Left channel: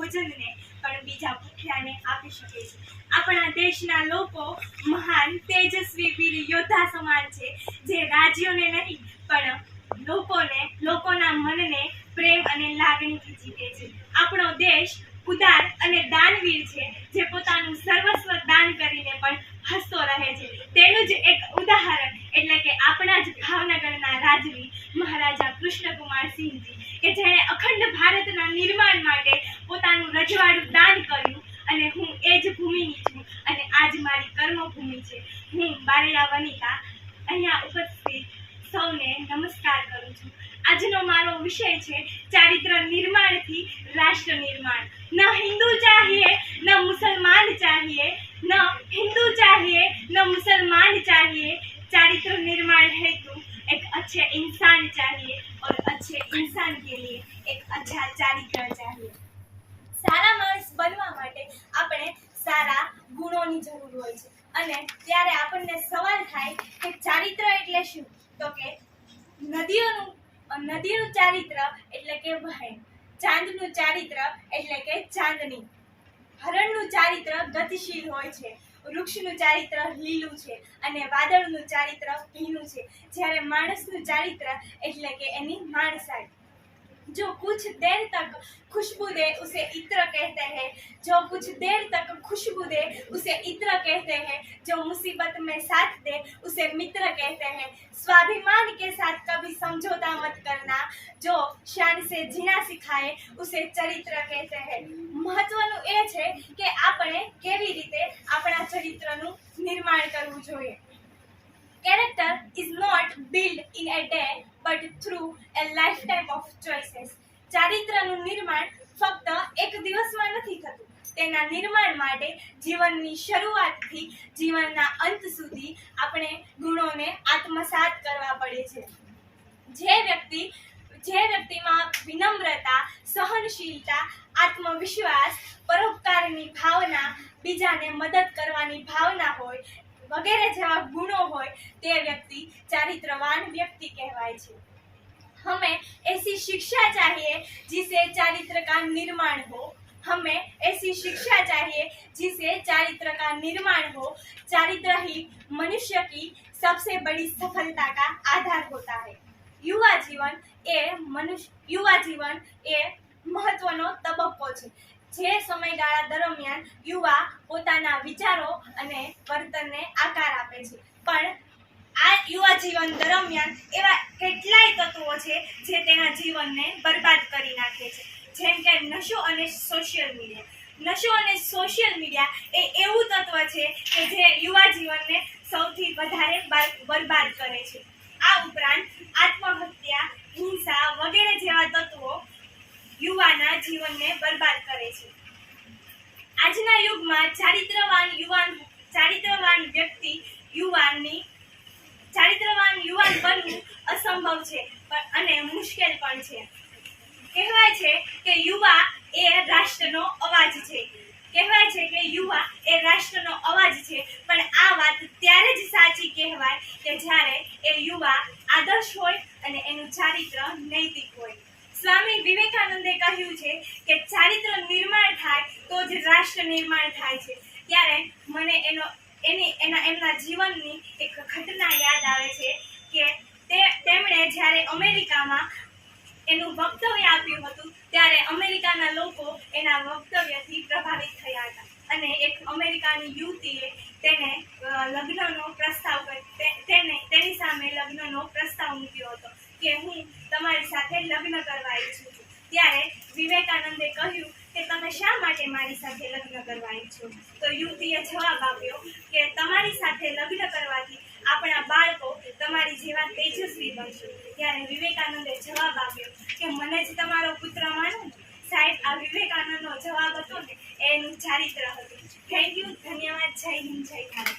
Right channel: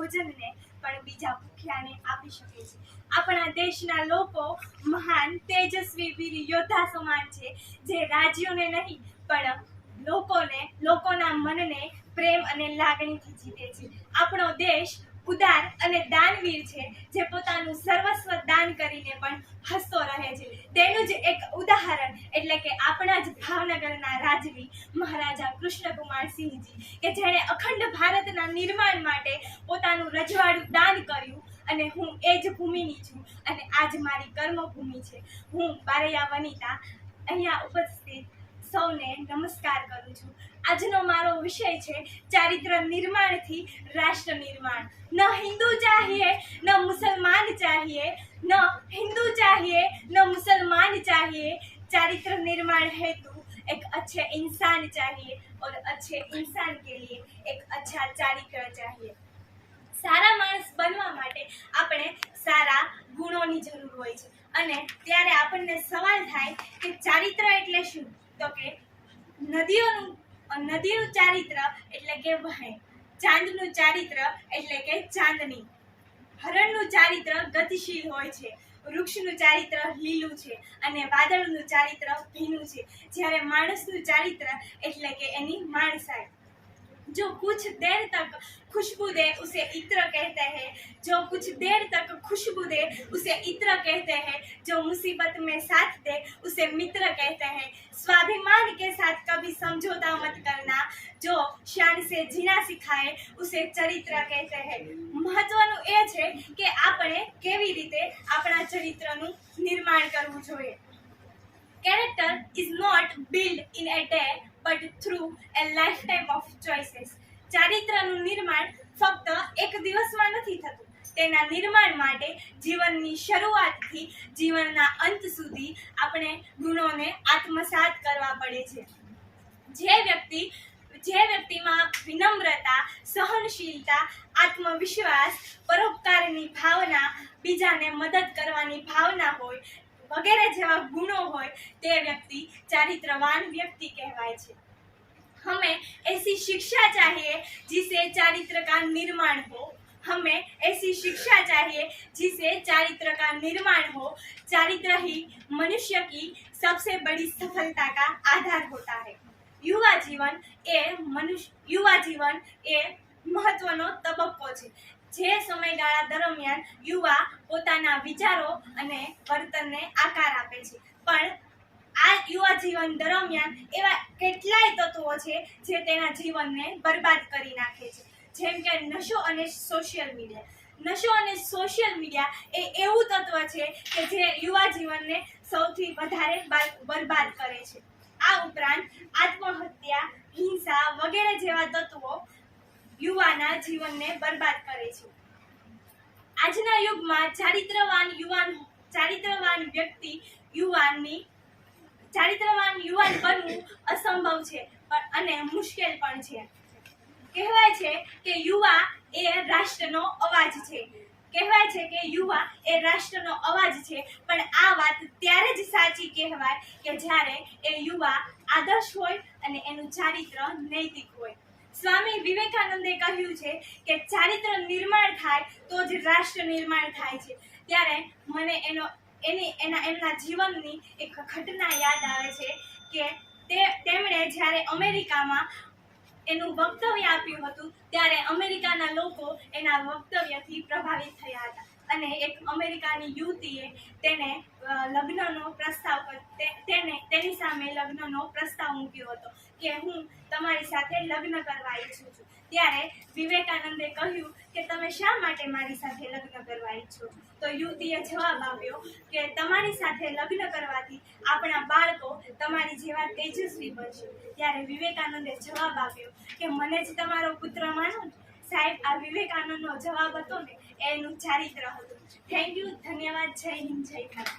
ભોજનને પણ બીજા ભૂખ્યાને આપી શકે છે. આપણા દેશના લોકો મહાન, તેજસ્વી વીર યોદ્ધા સમાન છે, જે રાજ્યોને નહીં, પણ લોકોને, લોકોના મનને પ્રેમ અને લાગણીથી જીતે છે. આપણો દેશ ઉદાર અને દાનવીર છે, જે પોતાનું સર્વસ્વ દાન કરીને પણ હસતો રહે છે. તેનું જ એક ઉદાહરણ એટલે કે આપણા જ ભાવનગરના રાજવી મહારાજા કૃષ્ણકુમાર સિંહજી, કે જેણે અખંડ ભારતના નિર્માણ માટે પોતાનું રજવાડું દાન કર્યું અને હું એ જ ભૂમિની છું અને આજ મારી કર્મભૂમિ છે હું બારૈયા વનિતા અહીંયા ઉપસ્થિત સૌને નમસ્કાર કરું છું આજનો મારો વિષય છે ચારિત્ર નિર્માણથી રાષ્ટ્ર નિર્માણ ન હિન્દુ ચાહીએ ન મુસલમાન ચાહીએ ન हिंदू चाहिए न मुसलमान चाहिए चारित्र निर्माण हेतु एक अच्छे इंसान चाहिए और अच्छे इंसान के लिए एक अच्छा ચારિત્ર चाहिए ગુણોની જરૂર હોય છે. અને ત્યારે આપણને સવાલ થાય કે ચારિત્ર એટલે શું? તો કે નદીઓનું નદીનું ચારિત્ર એટલે કે વહેણ. ચાંદનું ચારિત્ર એટલે કે ચાંદની. હરણનું ચારિત્ર ગતિશીલ હોય છે. વૃક્ષનું ચારિત્ર લીલું છે અને વાદળનું ચારિત્ર ભીનું છે. જ્યારે માણસનું ચારિત્ર એટલે કે એની માણસાઈ. जो कुछ देर तक खुशबू दे उसे इत्र कहते हैं जो कुछ देर तक खुशबू दे उसे इत्र कहते हैं जो मुसीबत में साथ दे उसे मित्र कहते हैं स्वाभिमान के साथ कभी समझौता मत करना जो शान से जीना सिखाए उसे ચરિત્ર કહેતે हैं મહત્વનું એ છે કે આપણે કેવી રીતે આપણા ચરિત્રનું નિર્માણ કરવું જોઈએ Character is not built in a day through a life time of choices ચારિત્રનું નિર્માણ ફક્ત એક દિવસમાં નથી થતું. તેના નિર્માણ માટે જીવનની શરૂઆતથી જીવનના અંત સુધી આપણે ગુણોને આત્મસાત કરવા પડે છે. જે વ્યક્તિ, જે વ્યક્તિમાં વિનમ્રતા, સહનશીલતા, આત્મવિશ્વાસ, પરોપકારની ભાવના બીજાને મદદ કરવાની ભાવના હોય વગેરે જેવા ગુણો હોય તે વ્યક્તિ ચારિત્રવાન વ્યક્તિ કહેવાય છે हमें ऐसी शिक्षा चाहिए जिसे चारित्र का निर्माण हो हमें ऐसी शिक्षा चाहिए जिसे चारित्र का निर्माण हो चारित्र ही मनुष्य की सबसे बड़ी सफलता का आधार होता है યુવા જીવન એ મનુષ્ય યુવા જીવન એ મહત્વનો તબક્કો છે જે સમયગાળા દરમિયાન યુવા પોતાના વિચારો અને વર્તનને આકાર આપે છે. પણ આ યુવા જીવન દરમિયાન એવા કેટલાય તત્વો છે જે તેના જીવનને બરબાદ કરી નાખે છે. જેમ કે નશો અને સોશિયલ મીડિયા નશો અને સોશિયલ મીડિયા એ એવું તત્વ છે કે જે યુવા જીવનને સૌથી વધારે બરબાદ કરે છે. આ ઉપરાંત આત્મહત્યા, હિંસા વગેરે જેવા તત્વો યુવાના જીવનને બરબાદ કરે છે. આજના યુગમાં ચારિત્રવાન યુવાન, ચારિત્રવાન વ્યક્તિ યુવાનની, ચારિત્રવાન યુવાન બનવું અસંભવ છે અને મુશ્કેલ પણ છે. કહેવાય છે કે યુવા એ રાષ્ટ્રનો અવાજ છે. કહેવાય છે કે યુવા એ રાષ્ટ્રનો અવાજ છે, પણ આ વાત ત્યારે જ સાચી કહેવાય કે જ્યારે એ યુવા આદર્શ હોય અને એનું ચારિત્ર નૈતિક હોય. સ્વામી વિવેકાનંદે કહ્યું છે કે ચારિત્ર નિર્માણ થાય તો જ રાષ્ટ્ર નિર્માણ થાય છે. ત્યારે મને એનો, એની, એના, એમના જીવનની એક ઘટના યાદ આવે છે કે તે, તેમણે જ્યારે અમેરિકામાં એનું વક્તવ્ય આપ્યું હતું, ત્યારે અમેરિકાના લોકો એના વક્તવ્યથી પ્રભાવિત થયા હતા. અને એક અમેરિકાની યુવતીએ તેને લગ્નનો પ્રસ્તાવ તેને, તેની સામે લગ્નનો પ્રસ્તાવ મૂક્યો હતો. કે હું તમારી સાથે લગ્ન કરવા ઈચ્છું છું. ત્યારે વિવેકાનંદે કહ્યું કે તમે શા માટે મારી સાથે લગ્ન કરવા ઈચ્છો તો યુવતીએ જવાબ આપ્યો કે તમારી સાથે લગ્ન કરવાથી આપણા બાળકો તમારી જેવા તેજસ્વી બનશે. ત્યારે વિવેકાનંદે જવાબ આપ્યો કે મને જ તમારો પુત્ર માનો? સાહેબ, આ વિવેકાનંદનો જવાબ હતો ને, એનું ચારિત્ર હતું. થેન્ક યુ ધન્યવાદ. જય હિન્દ, જય ભારત.